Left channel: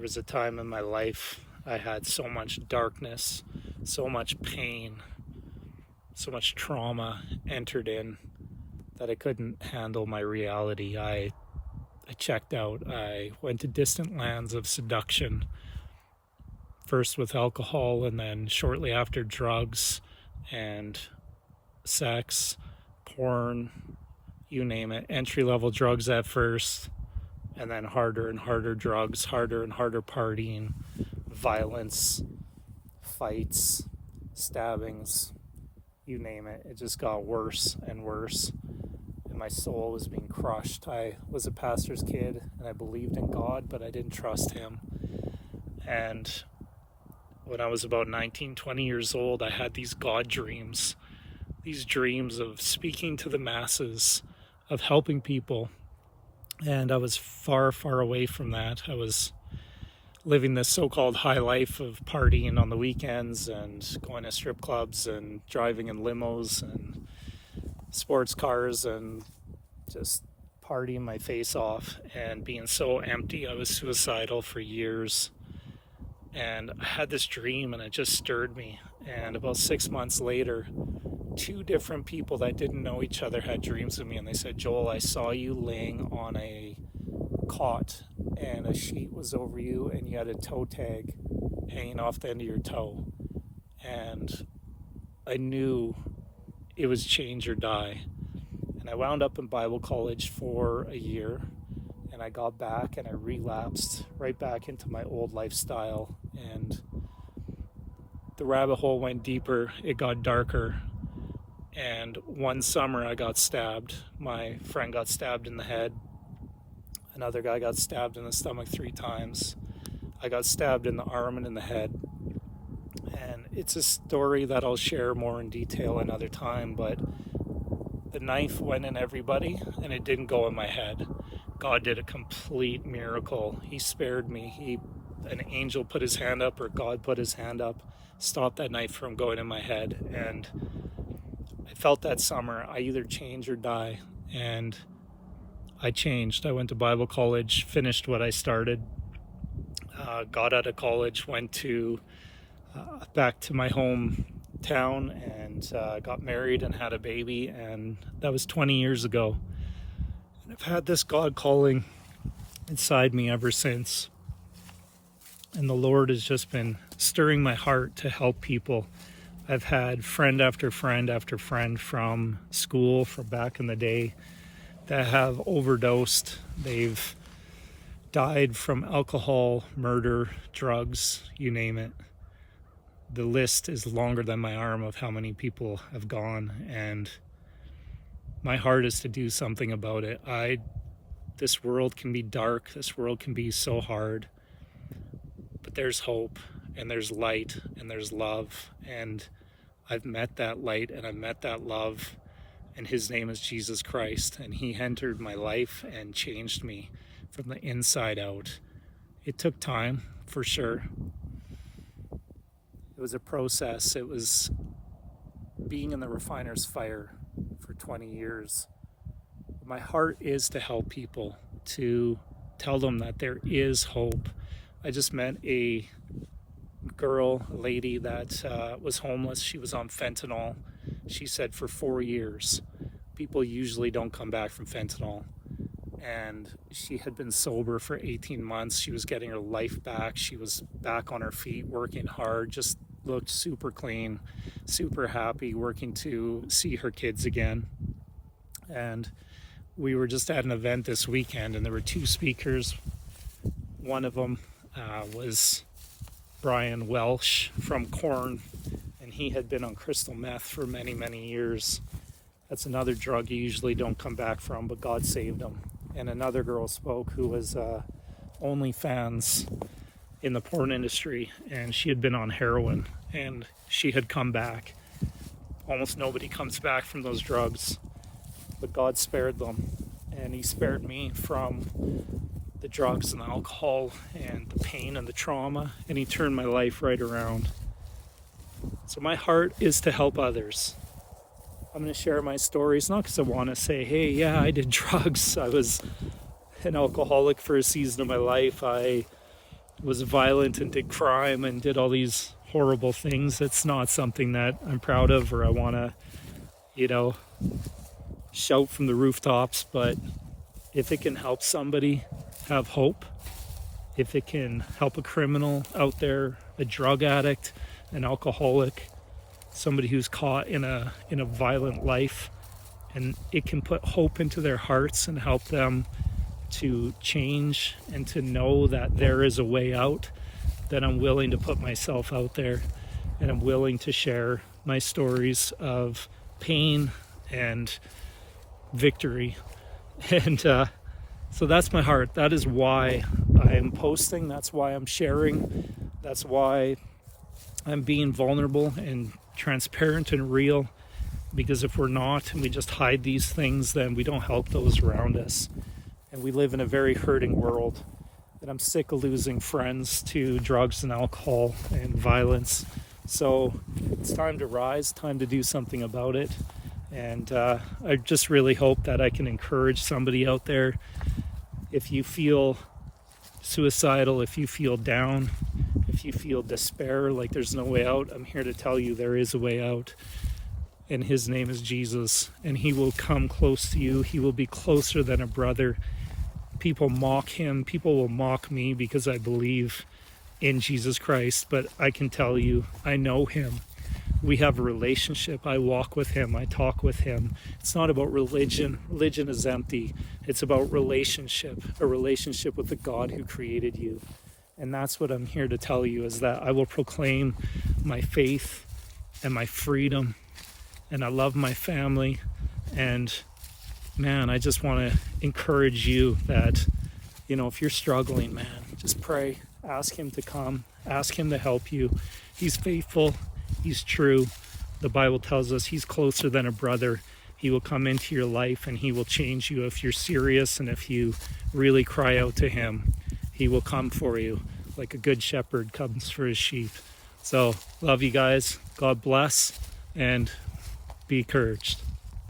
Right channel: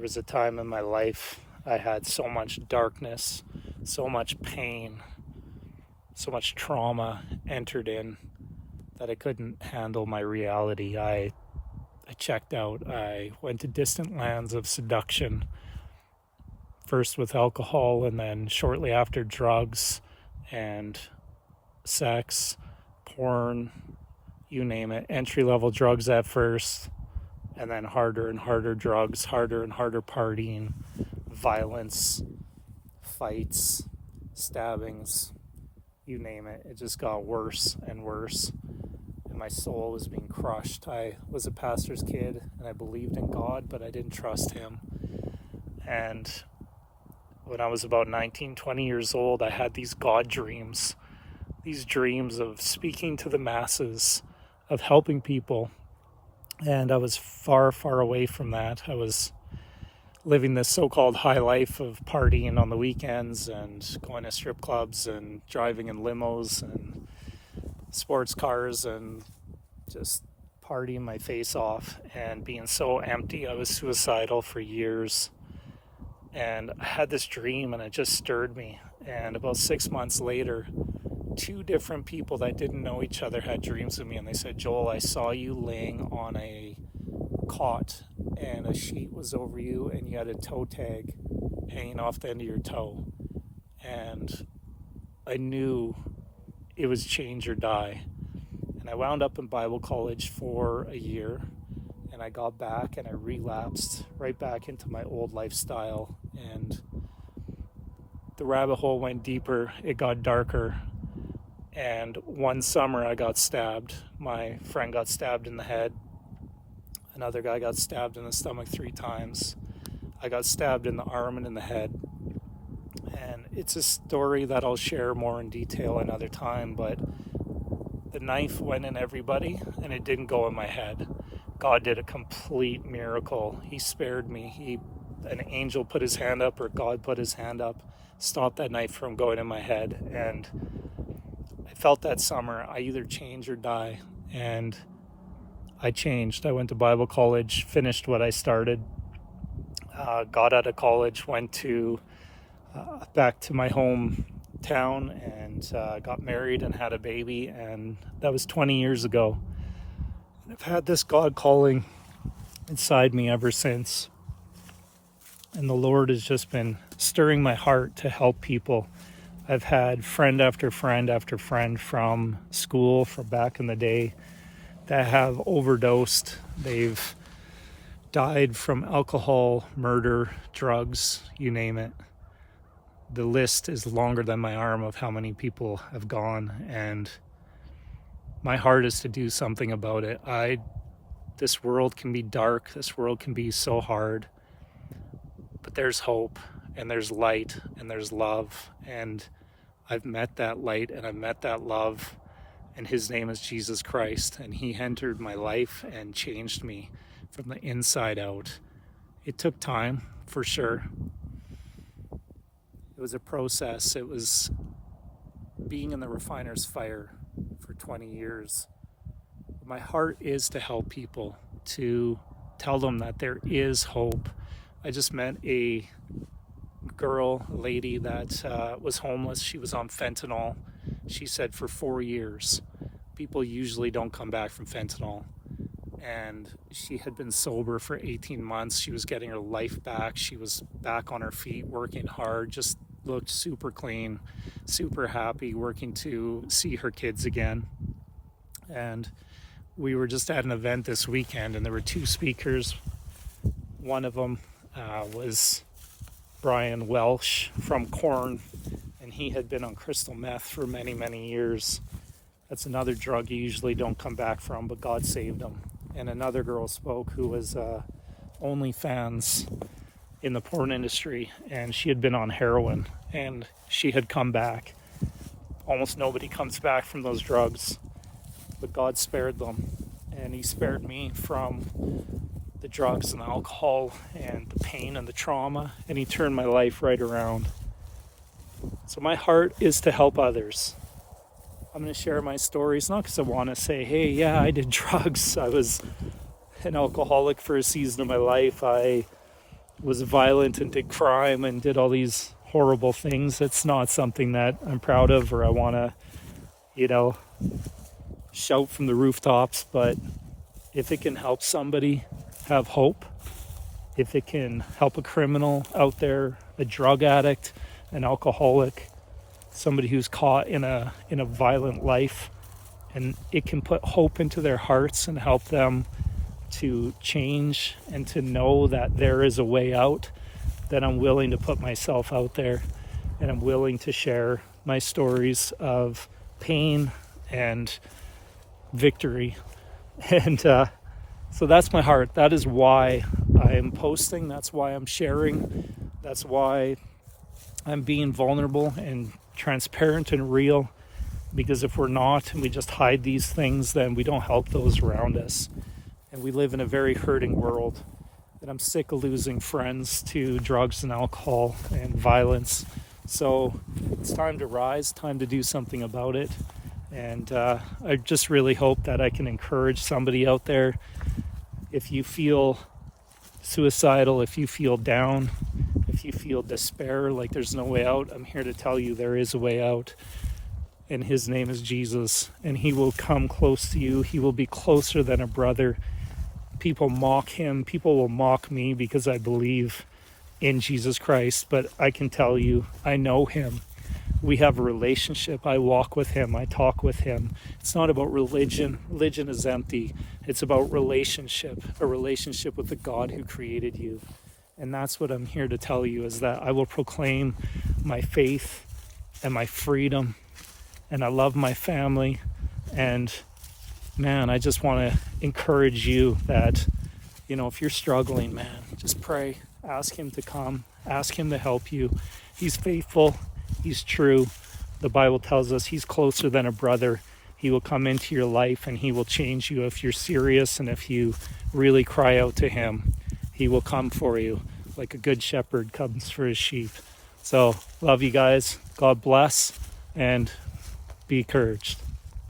There was a time in my life I had so much darkness, so much pain, so much trauma entered in that I couldn't handle my reality. I checked out. I went to distant lands of seduction, first with alcohol and then shortly after drugs and sex, porn, you name it. Entry-level drugs at first, and then harder and harder drugs, harder and harder partying, violence, fights, stabbings, you name it. It just got worse and worse. And my soul was being crushed. I was a pastor's kid and I believed in God, but I didn't trust him. And when I was about 19, 20 years old, I had these God dreams, these dreams of speaking to the masses, of helping people. And I was far, far away from that. I was living this so-called high life of partying on the weekends and going to strip clubs and driving in limos and sports cars and just partying my face off and being so empty. I was suicidal for years. And I had this dream and it just stirred me. And about 6 months later, two different people that didn't know each other had dreams of me, and they said, "Joel, I saw you laying on a cot and a sheet was over you and you had a toe tag hanging off the end of your toe." And I knew it was change or die. And I wound up in Bible college for a year, and I got back and I relapsed right back into my old lifestyle, and the rabbit hole went deeper, it got darker. And one summer I got stabbed. My friend got stabbed in the head. Another guy got stabbed in the stomach 3 times. I got stabbed in the arm and in the head. And it's a story that I'll share more in detail another time, but the knife went in everybody and it didn't go in my head. God did a complete miracle. He spared me. An angel put his hand up, or God put his hand up, stopped that knife from going in my head. And I felt that summer, I either change or die. And I changed. I went to Bible college, finished what I started, got out of college, went to back to my hometown, and got married and had a baby. And that was 20 years ago. And I've had this God calling inside me ever since. And the Lord has just been stirring my heart to help people. I've had friend after friend after friend from school, from back in the day, that have overdosed. They've died from alcohol, murder, drugs, you name it. The list is longer than my arm of how many people have gone, and my heart is to do something about it. This world can be dark, this world can be so hard, but there's hope, and there's light, and there's love, and I've met that light, and I've met that love, and his name is Jesus Christ, and he entered my life and changed me from the inside out. It took time, for sure. It was a process. It was being in the refiner's fire for 20 years. My heart is to help people, to tell them that there is hope. I just met a lady that was homeless. She was on fentanyl. She said for 4 years. People usually don't come back from fentanyl. And she had been sober for 18 months. She was getting her life back. She was back on her feet, working hard, just looked super clean, super happy, working to see her kids again. And we were just at an event this weekend, and there were 2 speakers. One of them was Brian Welsh from Korn, and he had been on crystal meth for many, many years. That's another drug you usually don't come back from, but God saved him. And another girl spoke who was OnlyFans in the porn industry, and she had been on heroin, and she had come back. Almost nobody comes back from those drugs, but God spared them, and he spared me from the drugs and alcohol and the pain and the trauma, and he turned my life right around. So my heart is to help others. I'm going to share my stories, not because I want to say, hey, yeah, I did drugs. I was an alcoholic for a season of my life. I was violent and did crime and did all these horrible things. That's not something that I'm proud of or I want to, shout from the rooftops. But if it can help somebody have hope, if it can help a criminal out there, a drug addict, an alcoholic, somebody who's caught in a violent life, and it can put hope into their hearts and help them to change and to know that there is a way out, then I'm willing to put myself out there, and I'm willing to share my stories of pain and victory. And so that's my heart. That is why I am posting. That's why I'm sharing. That's why I'm being vulnerable and transparent and real. Because if we're not, and we just hide these things, then we don't help those around us. And we live in a very hurting world. And I'm sick of losing friends to drugs and alcohol and violence. So it's time to rise, time to do something about it. And I just really hope that I can encourage somebody out there. If you feel suicidal, if you feel down, if you feel despair, like there's no way out, I'm here to tell you there is a way out. And his name is Jesus. And he will come close to you. He will be closer than a brother. People mock him. People will mock me because I believe in Jesus Christ. But I can tell you, I know him. We have a relationship. I walk with him. I talk with him. It's not about religion. Religion is empty. It's about relationship, a relationship with the God who created you. And that's what I'm here to tell you, is that I will proclaim my faith and my freedom. And I love my family. And man, I just want to encourage you that, if you're struggling, man, just pray. Ask him to come. Ask him to help you. He's faithful. He's true. The Bible tells us he's closer than a brother. He will come into your life and he will change you if you're serious and if you really cry out to him. He will come for you like a good shepherd comes for his sheep. So, love you guys. God bless and be encouraged.